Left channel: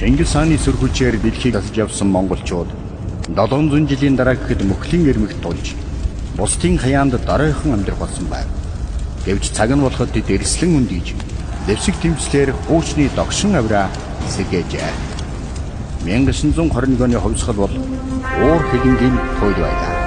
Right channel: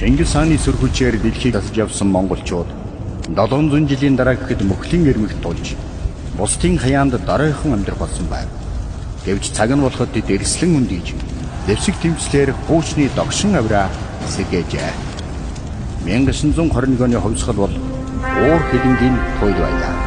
Чингис хааны сүр хүчээр дэлхийг засаж явсан монголчууд 700 жилийн дараа гэхэд мөхлийн эрмэгт тулж бусдын хаяанд дараахан амьдрах болсон байв. Гэвч цаг нь болоход тэд эрслэн үндийж зэвсэг тэмцлэр хуучны догшин авираа сэргээжээ. 1921 оны хувьсгал бол уур хилэнгийн туйл байлаа.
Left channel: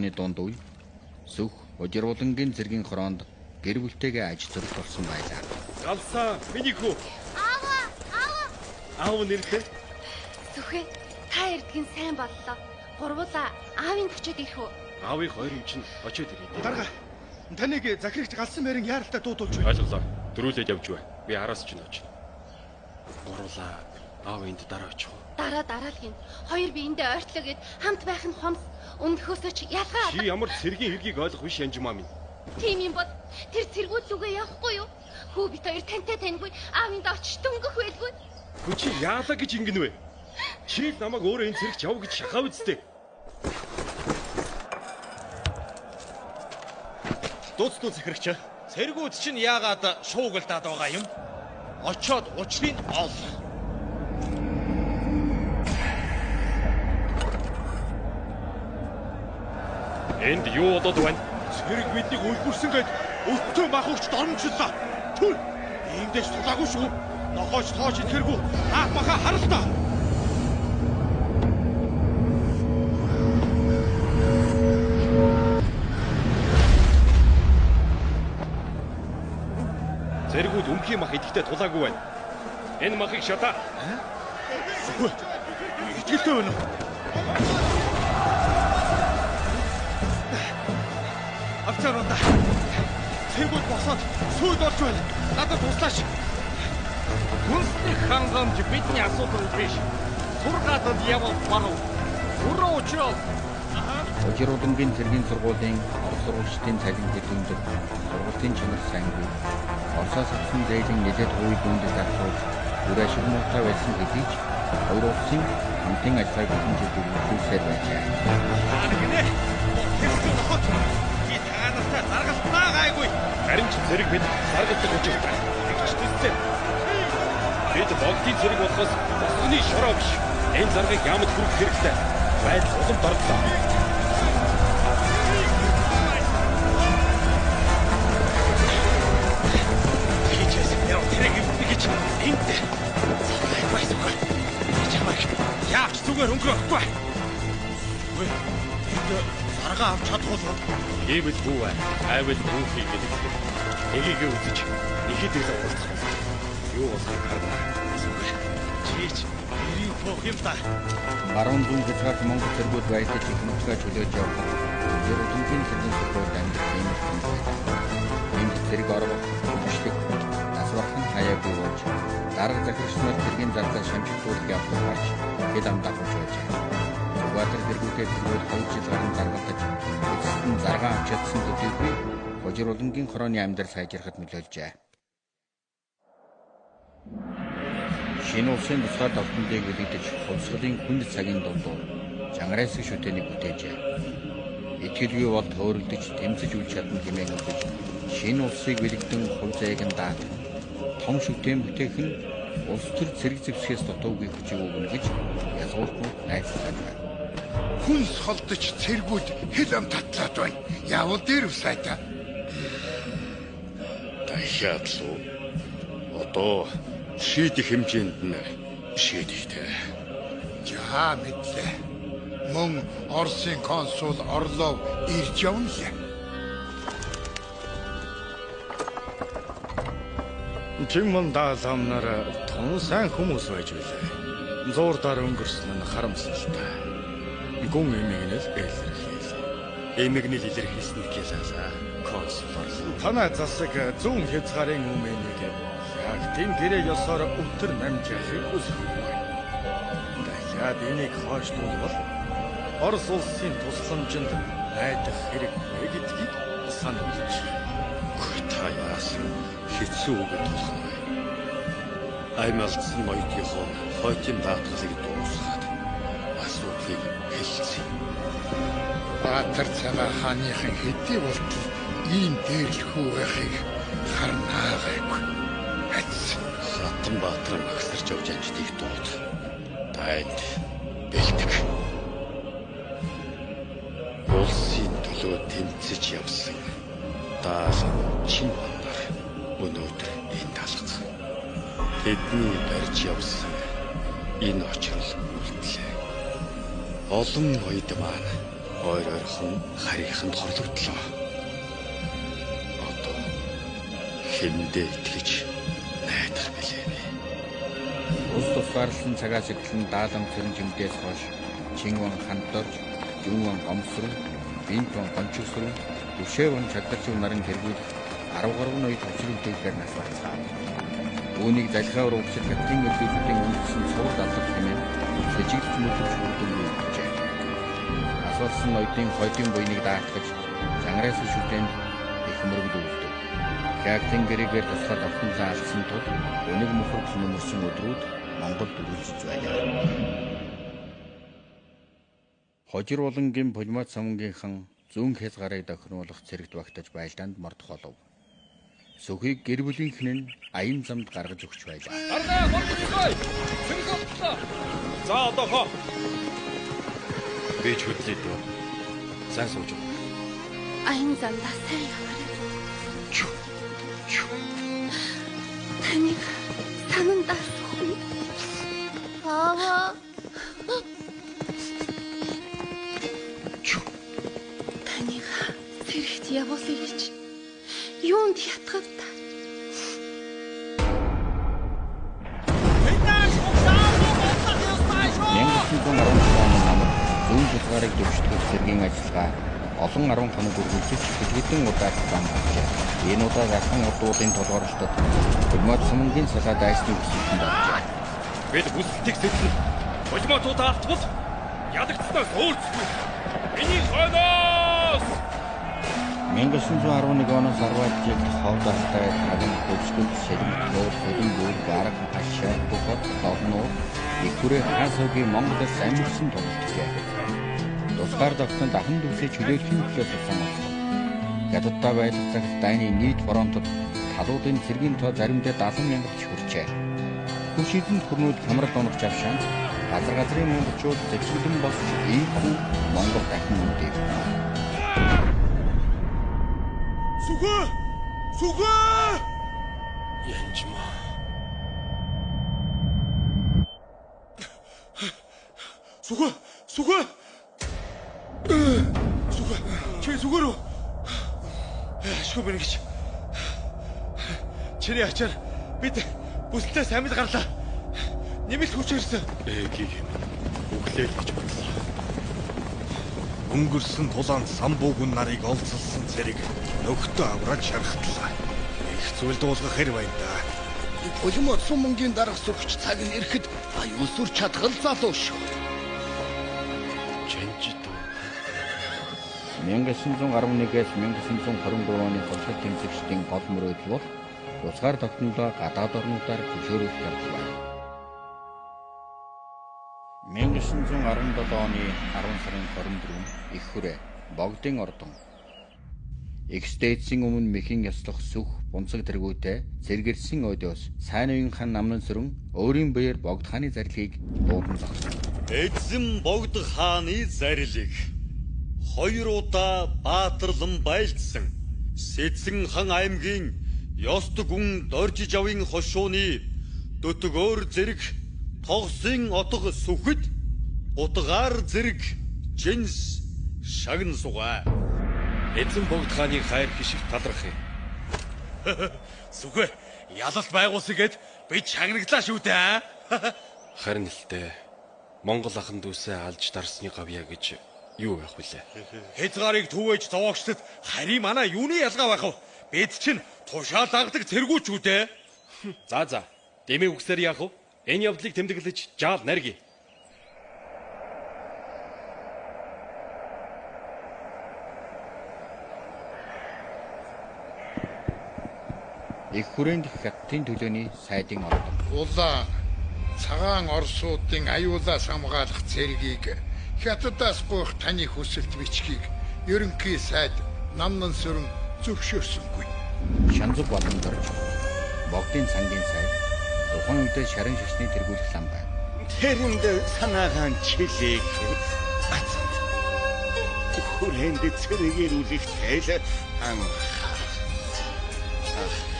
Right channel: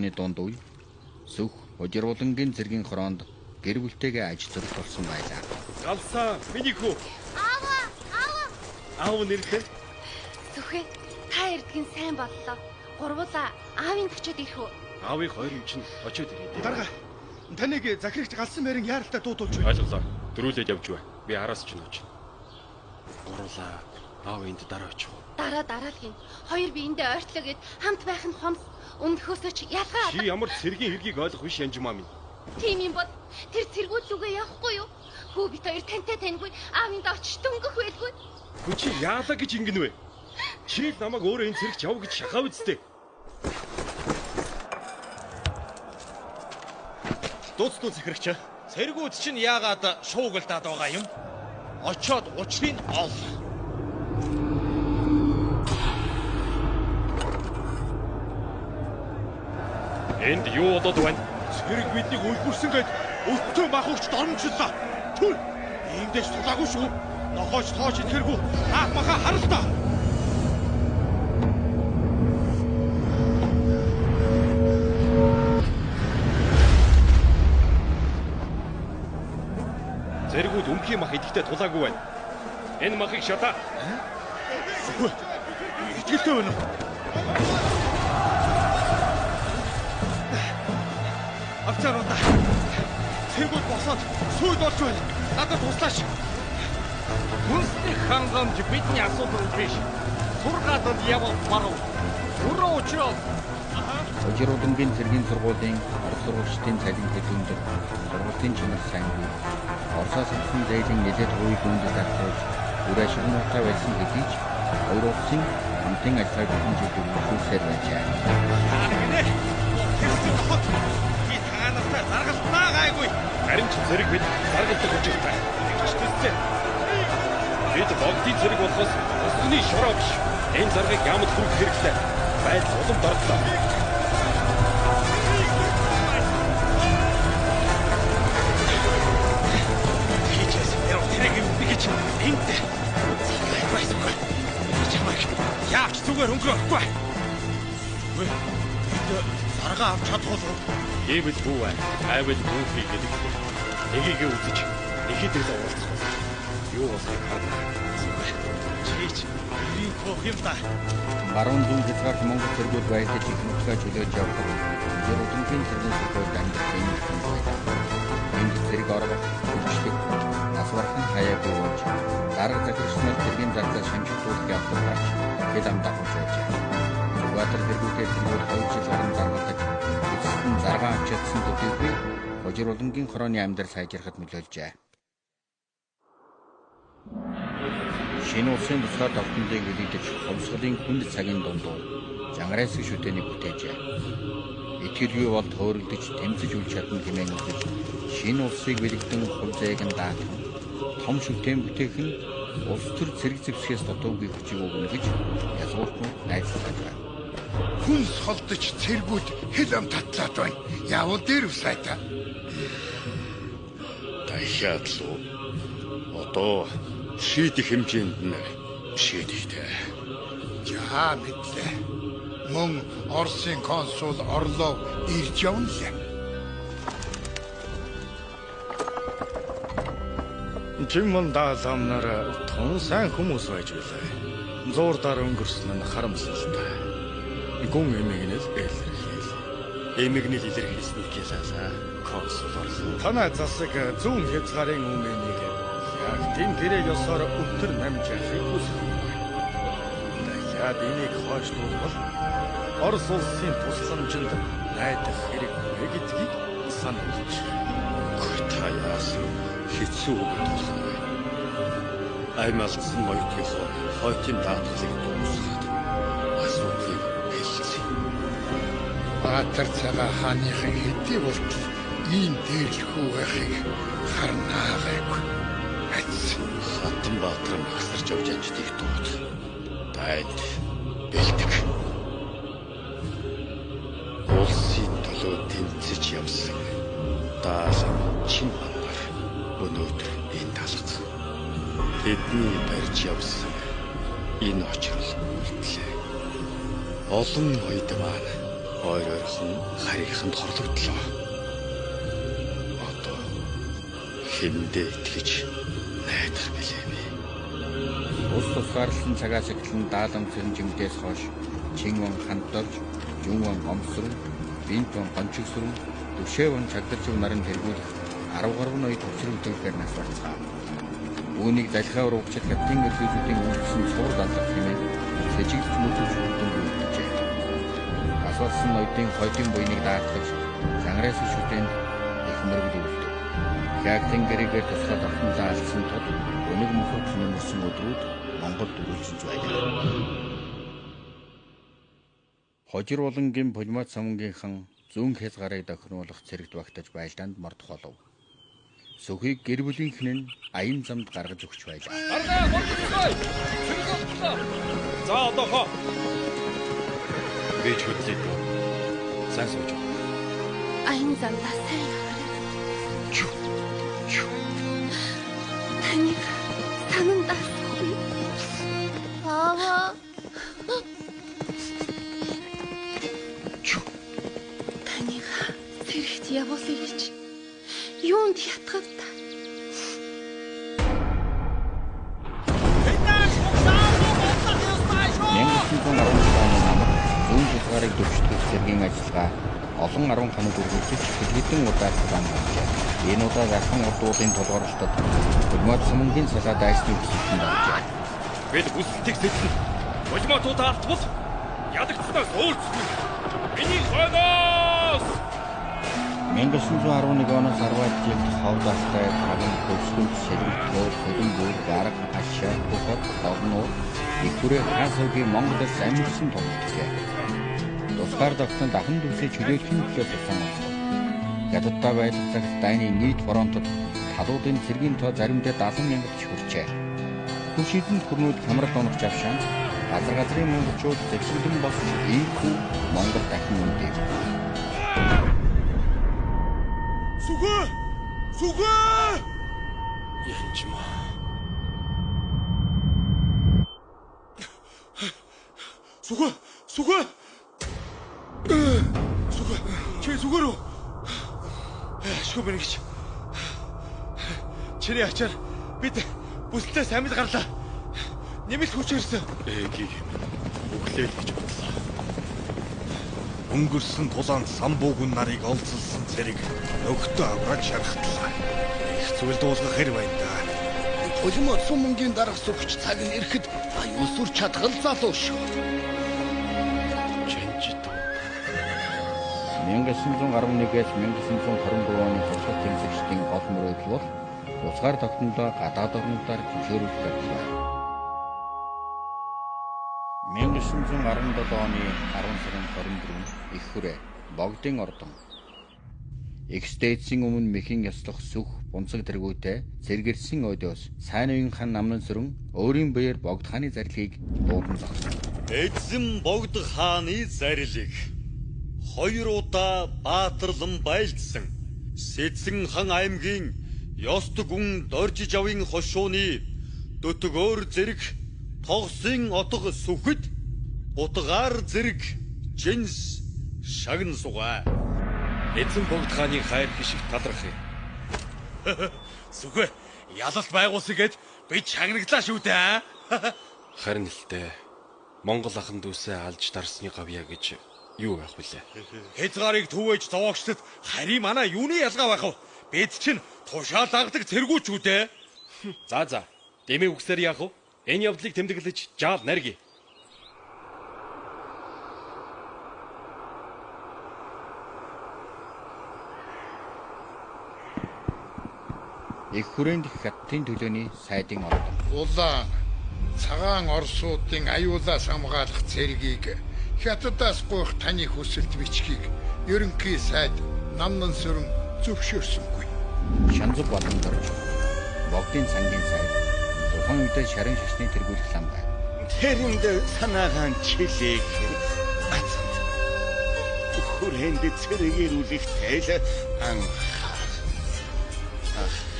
оны дунд үе Сүх Хожирволонгийн цэргийн хороонд гэр бүлтэйгээ аж төрөх болсон байлаа. Галсаа, миний хүү. Аав нэртэй? Сүхэ, та эрдгэн сайн боллоо. Гурвуулаа аавын очиод ирэх үү? Аавыг хоёр юм чинь очиод ирээ. Дарга. Таныг захирагч галсан байрын яаралтай дуудуулж байна. Ойлголоо. Дөрүүлээд явж бай. Би араас ч нөөч. Гурвуулаа аав энд дараа очих уу? Дараа л гин. Хоёр биендээ ойртлоо гэд хамт байх нь хомс. Өмнөхөөсөө ч ялгаа. Чи ямар цэргийн хэргийг ойлгох биш Янжмаа минь. Тийм юм бол тэр цэргүүд лүгээ явахгүй юу? Хүү бит хоёр тантай таньгүй аавынд очиж дөнгөх байлгүй. Хүү чи яалаа гэж ингэн вэ? Чи л намайг өөрөө энэ цэрэгч яв гэж шахав үсттэй. Дууцтуу захирагч. Цэргүүд чинь яагаад шуугилдаад байгаа юм? Очоод учрыг ол. Энд юу болоод байна? Цэрэг биднийг үлгэрсэн гээд өтөө махууч дормжлоо. Түр. Эндээс тулаагүй шүү. Нохооч тооч итгэргүй. Аах маха харалтаа. Цэргүүд өмхийн мах идэхтэй тулаагүй байна. Энэ махыг шатаа. Итгэлтэй байна уу? Авчааруудаа. Цэргүүд босоод сүйд болж байна. Надад туслаач. Хүнсний хангамж бидний асуудал биш. Сургаатад явах баруун. Өрөө очроо. Хожирволонгийн цэргийн сургуулийн орос сургуульчдын цалин хэд өндөр, сургуулийн чанар сайнгүй. Оросоос авсан зээлийн нэлээд хувийг үндэс авчиж үр ашиг муутай байсан хэдий ч хоёр улсын хамтын ажиллагааг бүхэн жил үргэлжлүүлсээр байжээ. Гинэ. Тэсчүүд хот. Би таанастай заргалтнаа гайгүй. Харин ч зэрэг бид заргалдах учиртай. Тэгч тэстэй. Бид богдын зэрэг болохоос босгоны шороо биш. Энэ заргыг ямд хүргэх хэрэгтэй. Байдал улам дордлоо. Энд байсгүй. Чамайг яач зүгээр өнгөрөхгүй. Үгүй. Энд зарга авч чадахгүй юу? Гэвэл бүү бай. Айвал бүхий гэдэг. Нэгийг үзэж нэхэд л уулзах байна. Юу болохыг харна. Зүгээр. Чийч ирийн хөх юм та. Баруун дүн хязгаарт Монгол цэргүүд баярлаж их нутгаа чөлөөж явхад Хожирволонгийн цэргийн сургуульд амьдрах юм байна. Энд цэрэг орох хөгжлийг асвархан хаяагүй болж дарга захирагчнаар цэргийн зардал шамжигдуулах явдлыг харж хэд ам дагуулж байжээ. Зүгбаатар цэргүүдээ цэргүүд 2 жил гарan заргалтаж эцэст нь заргаан авч чадсан төдийгүй Хожирволонгийн хорооны амьдрал сайжрахад нөлөөлжээ. Шинэ улсын тусгаар давтамдыг үлдэж хувьсгалын хүнд цагийн дундуур жангараасыг шүтээнийг бүтээжээ. Итгэлгүй бол төөрөлдөж тэмцэж үл чадна хэмээн үзэж шинэ улсыг бэлэгдэн хувь зайг нь даатах том шүтээн бүтээх нь улс төр цэрэг зэвсгээс дутуугүй хүчийг өгнө гэж язгууртнууд найдаж байна. Хүнс холдож цэргүүд хэл ам татлаад байна. Явал дээр усайта. Тахиатлуу. Одоо шийдэх хэмжээнд нь шийдэхтэй. За мэдлээ. Мөн Оросын консул Орлов ирж явна лээ. Чимэн даалгамнаар тун сайн хүмүүс байж билээ. Зуурдаар өнгөрсөн нь харамсалтай. Гүн эмэгнэл илэрхийл. Эмэгнэл илэрхийлсэн гэхээс консулор. Танай засаг зүүн хязгаарын өмнөнийг яг тийм гэрээ ёсоор өтөр намж яхахыг хүсэхгүй. Дахиад энийг хойшлуулбал Орос улсын тусламжинд найдах хэрэггүй гэдгийг сануулж. Та яасан хэцүү үгэд болох нь вэ? Аймалцсан ноёдынхоо хойтын даатгалыг дуусгаад асуудлыг хэлсэн. Баатар цагаан хааныхын хэдий болтол ийм дээрлэхүү байхыг харнаа гайгүй. Хатан Баатар магсарч явж анждыг дууд. Танд бэлдэг. Улсын төлөө тэмцэж явсан даалан чин бандар өнөөдөр энэ талх. Тэдний барьж явсан энэ очрол үлдлээ. Олон ноёд маань ойр ойрхон харийнханд хорлогдлоо. Одоо хэндээ итгэж найдах билээ би. Ус тусгаарлсан цагаас эхлэн даалам сэрэмжимдээс хойш Чингван хандорж, Жүнван гомсрон, Бинтван гончигсрон, Төвшөөван чагдарчив нарын тэргүүлэх 10 гаруй ноёд төвчрөвдөөр нас барцгаа. Үүнийг залхиа урагчид хятадын өглөөдийн үйлдсэн цуврал алах хэмээн сэжиглэж мөтөвч хурдан үйлдэжээ. Асуулсан ноёдын хойдын буйныг даатгаж, зангараас шүтэнд их мөргөл үлдэв. Хятадын гэрээгээр тусгай давтанлаа алсан тул өнөг мөхөрт нөмөрсөн өдрүүд Монголд үргэлжлэж байлаа. Хожир улангийн Пулмат самунгийнхан зүүн хязгаарыг дохируулах цэрэгт багтаж байлдаанд мордох болов. Сүхийг гэр бүлийнхэн нь аян замд гаргаж өгч байлаа. Ардаа мордохгүй. Цэрэг олдлоо. За одоохоо. Би ч хөдлөе дөө. Сайн сууж. Аян замдаа сайн яваарай. Чү. Таныг санандаа сууя. Аава. Таныг цэрэгт явуулъя гэж юунд ятгав та? Зүүн хязгаарыг дэвшүүлэх цэргийн ажиллагаа олон 10 хоног үргэлжлэж хэдэн удаа зам болжээ. Энэ удаа Яхан урд уулын толгорлолтод Пулмат самунгийн салаа дайсны өсөлтөнд оржээ. Бид бүсэлтийг сэтлэн Пулматуудаа алдвал ядагцснаас өөрсдөө миний хойноос 1911 оноос 10-аад жилд ховд алтай тагын хөвсгөл шилмтлөө хөлбөр гараг ашаа бухад дорноор их хүрээ хаан суугийн Монголоос амьдсан тоглолтжээ. Тусгаар тогтнод ахын дүүсээ чөлөөлхийн төлөө тусан болсон. Ядадтай байлгах дайны нийт фронтод талуудын цэргийн тоо заримдаа 70,000 хүрчээ. Хүчихэд хүрнүүд хамрал оногч авшаан газар-газрын монголчууд зэвсгэлэн босч ийхүү Монгол дахин үндэв. Сүхэ! Янжмаа. Сүхэ! Чи сүгэрөө. Ашгүй бэнэ гэж. Чиний ачаар бид бүслээс амьд гарлаа. Нэмэлт хүч ирсэн. Эгийг юм. Өглөөл гэж бодлоо. Өнгөрсөн тулаанд самбуугун нарыг олзолсон цэрэг нөхдөд авраж шархтлаа. Их зүйл дуулгах хэрэг байна да. Пулмат самунгийн дарга сөхч цаг нь ирэхэд аюул сүр чадгал залуу шүү. 1911-ээс 1923 оны туршлага тэмцэгчдийн гол мөрөөдөл бол тусгаар тогтнолоо гадаад орнуудаар зөвшөөрүүлэх явдлаа. 1917 оны 10 сарын 24-нд их хүрээ Богдын ордон Экстэйцийн өмнө мэхийн яслах сүх бунцаг тэргүүтэй зэрэгэрсэн өдөөс сайн уян хан намнан сүрэн өөрийн биеэр Богд хааны зарилыг дуудан зогсов. Эзэн Богд хааны зарилыг 2 удаа баатарлан байлдсан Сэцэн хан аймгийн Ёст гүн Доржиж авын хошууны дөтгөөр зэрэг тогсын отго сүхэд утгаар зэрэг жинс шагн сугаа. Эзэн Богд хааны хайр хишиг талархъя. Сүхэ, ялалт байгуулсан гэд би чагнаглаа шүү дээ. Харин л дээ. Монгол ахын дүүсээ алж дарсны гавья гэж юу байх вүлээ? Хязгаарыг түвэж зовоогчдод харин манай юуны ялгаа байх вэ? Бид чинь тушаал дагдаг цэргүүчүүд ээ. За. Дэмий үгсээр яах вэ? Энэ явдлыг тэмдэглэж жаал нарги. Их хүрээнд хятадын төлөөний сайдын ордон. Улаан цагаан орсуудын аюулаас хамгаалах цэргийг хятадаас гуйх таны хүсэлт бичгийг ерөнхий сайд Намнан сүрэн зөвшөөрсөнгүй. Шанзуг болон дорж Богдын цангийн сайд тухайн үедээ шарын шашны тэргүүлэх лам байв. Тэрэнд санаагаан чилээх ацанд хүрээнд цэрэгэрүүлэх тэл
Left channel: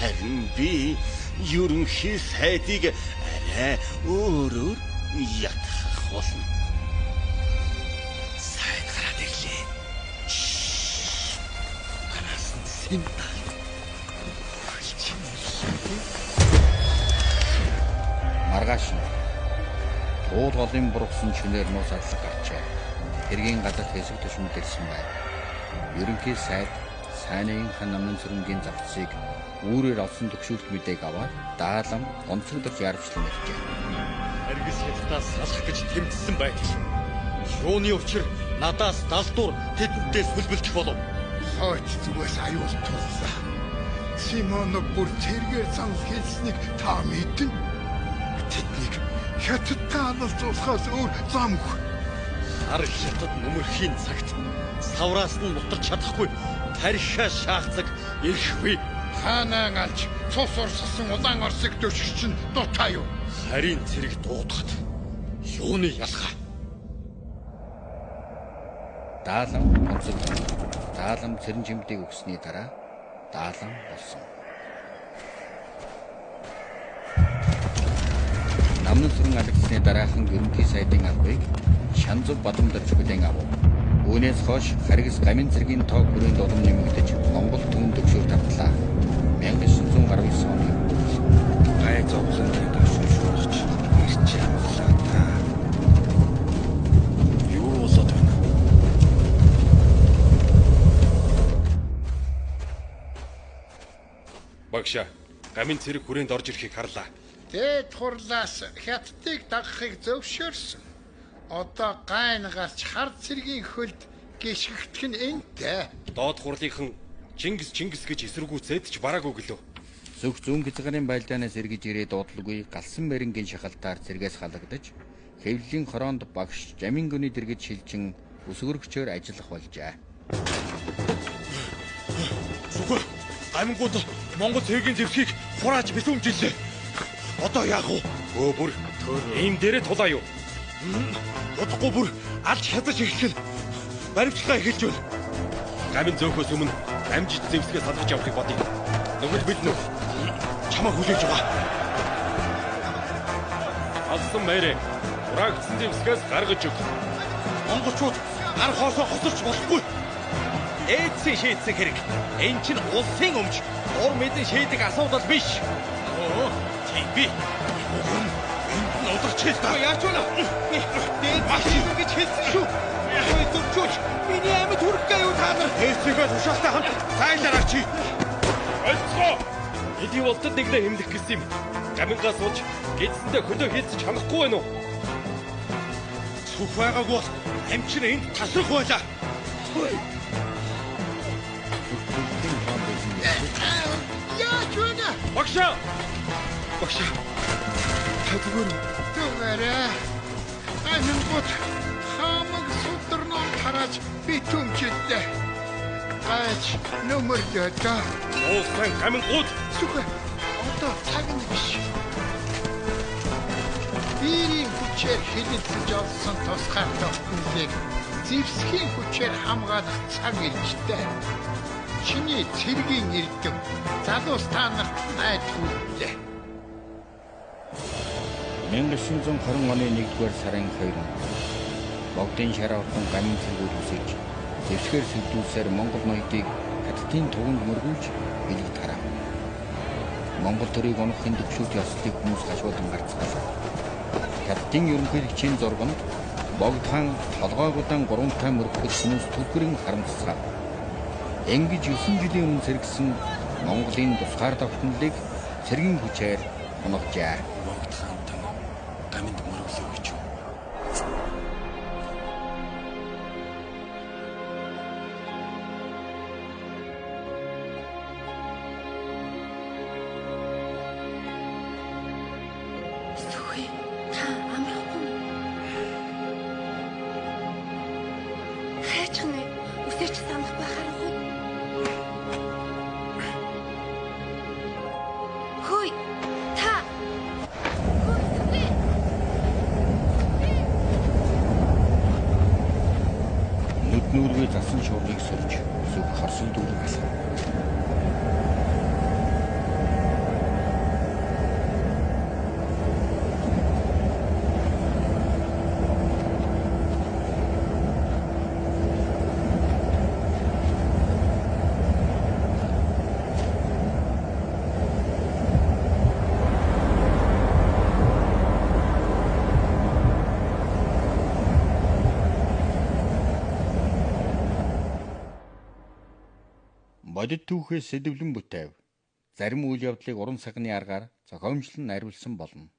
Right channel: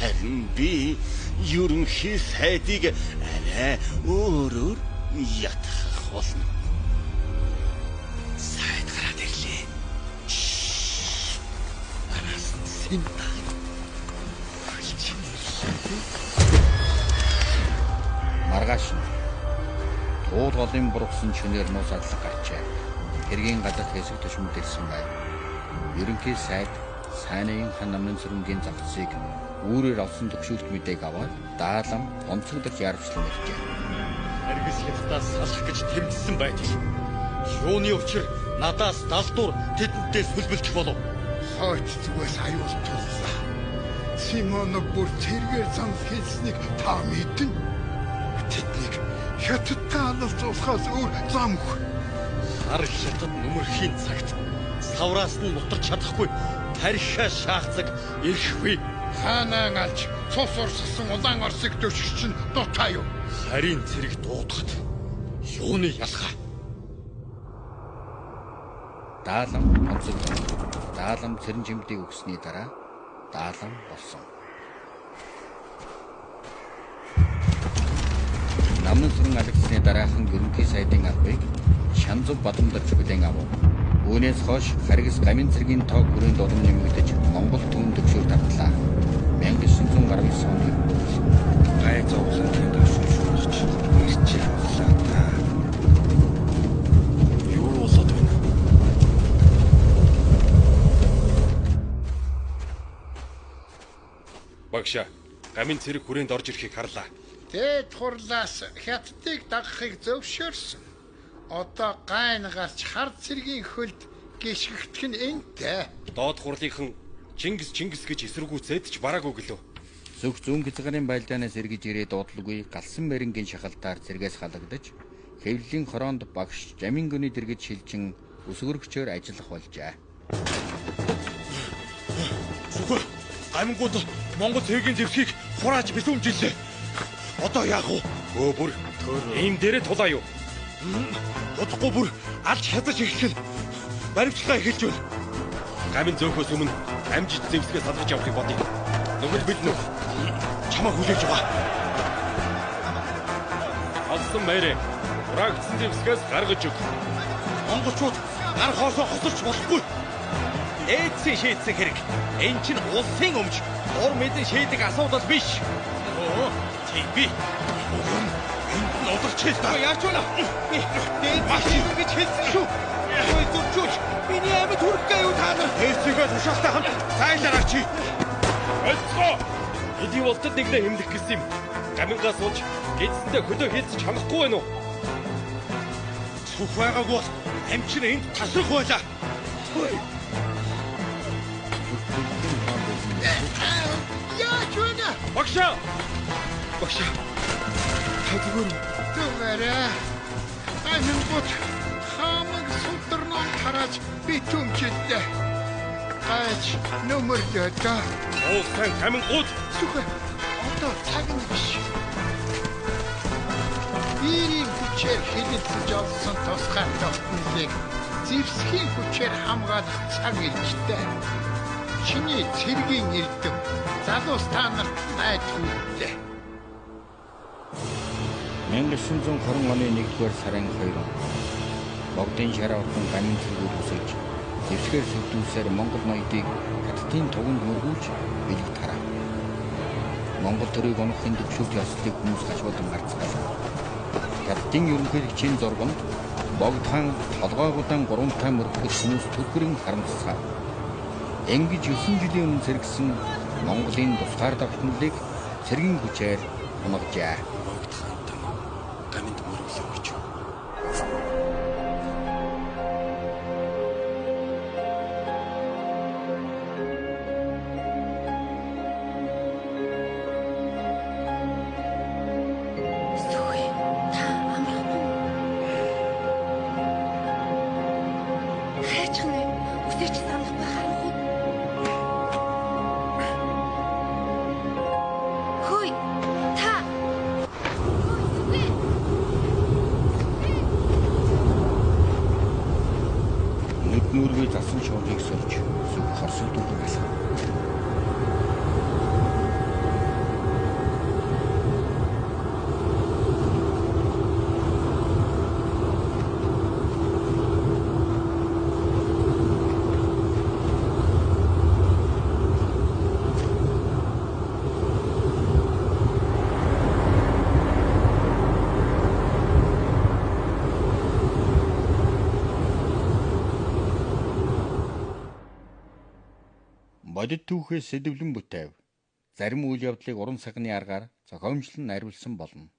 харин би ерөнхий сайдыг арай өөрөөр ятгах болно. Сайд гараад ирлээ. Араас нь синтаа. Маргааш нь туул голын бургасан чинээр нуус адлаг гарчээ. Тэргийн гадар хэсэг төшмөд ирсэн байв. Ерөнхий сайд Сайнын хан Намнан сүрэнгийн завцыг үүрээр олсон төгшүүлт мэдээг аваад даалам онцгодож яарвчлан иржээ. Харгас хятадаас салах гэж тэмцсэн байдаг. Юуны учир надаас далдуур тэдэнтэй сүлбэлдэх болов. Хойч зүгээс аюул туллаа. Симонов бүр тэргээр зам хэлснийг та мэднэ. Тэднийг хятадтай алалцуулахаас өөр замгүй. Хар хятад нүмерхийн цагт савраас нь мутарч чадахгүй таршаа шаахцаг ирхгүй. Хаанаа алж цус урсгасан улаан орсыг дөшч чинь дутаа юу? Харин цэрэг дуудахад юуны ялгаа? Даалам онцгод даалам цэрэн жимдийг өгсөний дараа даалам болсон. Намнан сүрэн алгасны дараахан ерөнхий сайдын албыг Шанзуг Бадамдарч бүлээн авав. Үүнээс хойш Харгас гамин цэргийн тоо хүрээнд улам нэмэгдэж Монгол төвөнд төгшөөр тавтлаа. 1919 оны гай зовлонгийн ташин шүүгч ирч явлаа та. Юу болоод байна? Багшаа, гамин цэрэг хүрээнд орж ирэхийг харлаа. Дээд хурлаас хятадыг дагахыг зөвшөөрсөн. Одоо гайн гарч хар цэргийн хөлд гიშгэгдэх нь энтэй. Доод хурлынхан Чингис гэж эсэргүүцээд ч бараагүй гэлөө. Зөвх зүүн хязгаарын байлдаанаас эргэж ирээд дуудлагүй галсан мэрэнгийн шахалтаар цэргээс халагдаж хэвлэлийн хороонд багш Жамин гүний дэргэд шилжин өсгөрөгчөөр ажиллах болжээ. Зүгээр гамингууд Монгол цэргийн зэвсгийг хурааж бисүмжилээ. Одоо яах вэ? Бүр ийм дээрээ тулаа юу? Удахгүй бүр алж хязгаж эхлэх нь баримтлагаа эхэлж байна. Гамин зөөхөөс өмнө амжилт зэвсгээ салгаж явахыг бодъё. Нүгэл бэлнэ. Чамаа хүлээж байгаа. Алсан мээрээ ураагцсан зэвсгээс гаргаж өг. Монголчууд гар хоосоо хосорч болохгүй. Эцсийн шийдсэн хэрэг. Энд чинь улсын өмч ур мэдэн шийдэг асуудал биш. Тийм би. Уг нь энд нь удирч хэл та. Яач вэ? Дээд машин гэж хэлсэн шүү. Ой зүрчүүч. Миний амьд хүрхгүй юу та нар? Эцсийнхээ тушаалтай хамт цайлаараач. Олцгоо. Эдийн болтод нэглээ хэмлэх гэсэн юм. Гамингаас ууж гидсэндээ хөлөө хийцэж чанахгүй байна уу? Цүх байгаагүй бол амчин энд тасрах байлаа. Яач вэ? Багшаа. Та Түгээрээ. Гайхамшигт хамаг судрноо тарааж битүмжилээ. Гайч нөмөрлөө та. Уусан гамингууд Сүхэ. Одоо цаг нь биш. Бирийн хүчээр хилэлцэж олсон тусгай тогтнолыг зэвсгийн хүчээр хамгаалах цаг иржтэй. Чиний цэргийн эрдэм залуус та нарт найдварлаа. 1920 оны 1-р сарын 2 Богдын шар орхон гамин цэргүүд үсэж зэвсгээр сүлдүүлсээр Монгол ноёдыг хятадын туганд мөргүүлж билэг тарав. Монгол төрийг унахын төвшөлт ёслолыг хүмүүс хашуулан гарцгаалаа. Хятадын ерөнхийлөгчийн зурганд Богдхан толгойгуудан 3 таа мөрөхөд хүмүүс түлхрэн харамссан. Ингэж 9 жилийн өмнө сэргсэн Монголын тусгаар тогтнолыг цэргийн хүчээр унгажээ. Богдхантан гаминд мөрөглөө гэж юу? Сүхий та амрахгүй. Хайчхан ээ. Үсэрч самлахгүй харанхуй. Хөөе. Та. Хөөе Сүхий. Нүд нүргээ засан шуургыг сөрж зүг хорсол дүүрэн алхав. Бодит түүхээс сэдэвлэн бүтээв. Зарим үйл явдлыг уран сагны аргаар зохиомжлон найруулсан болно.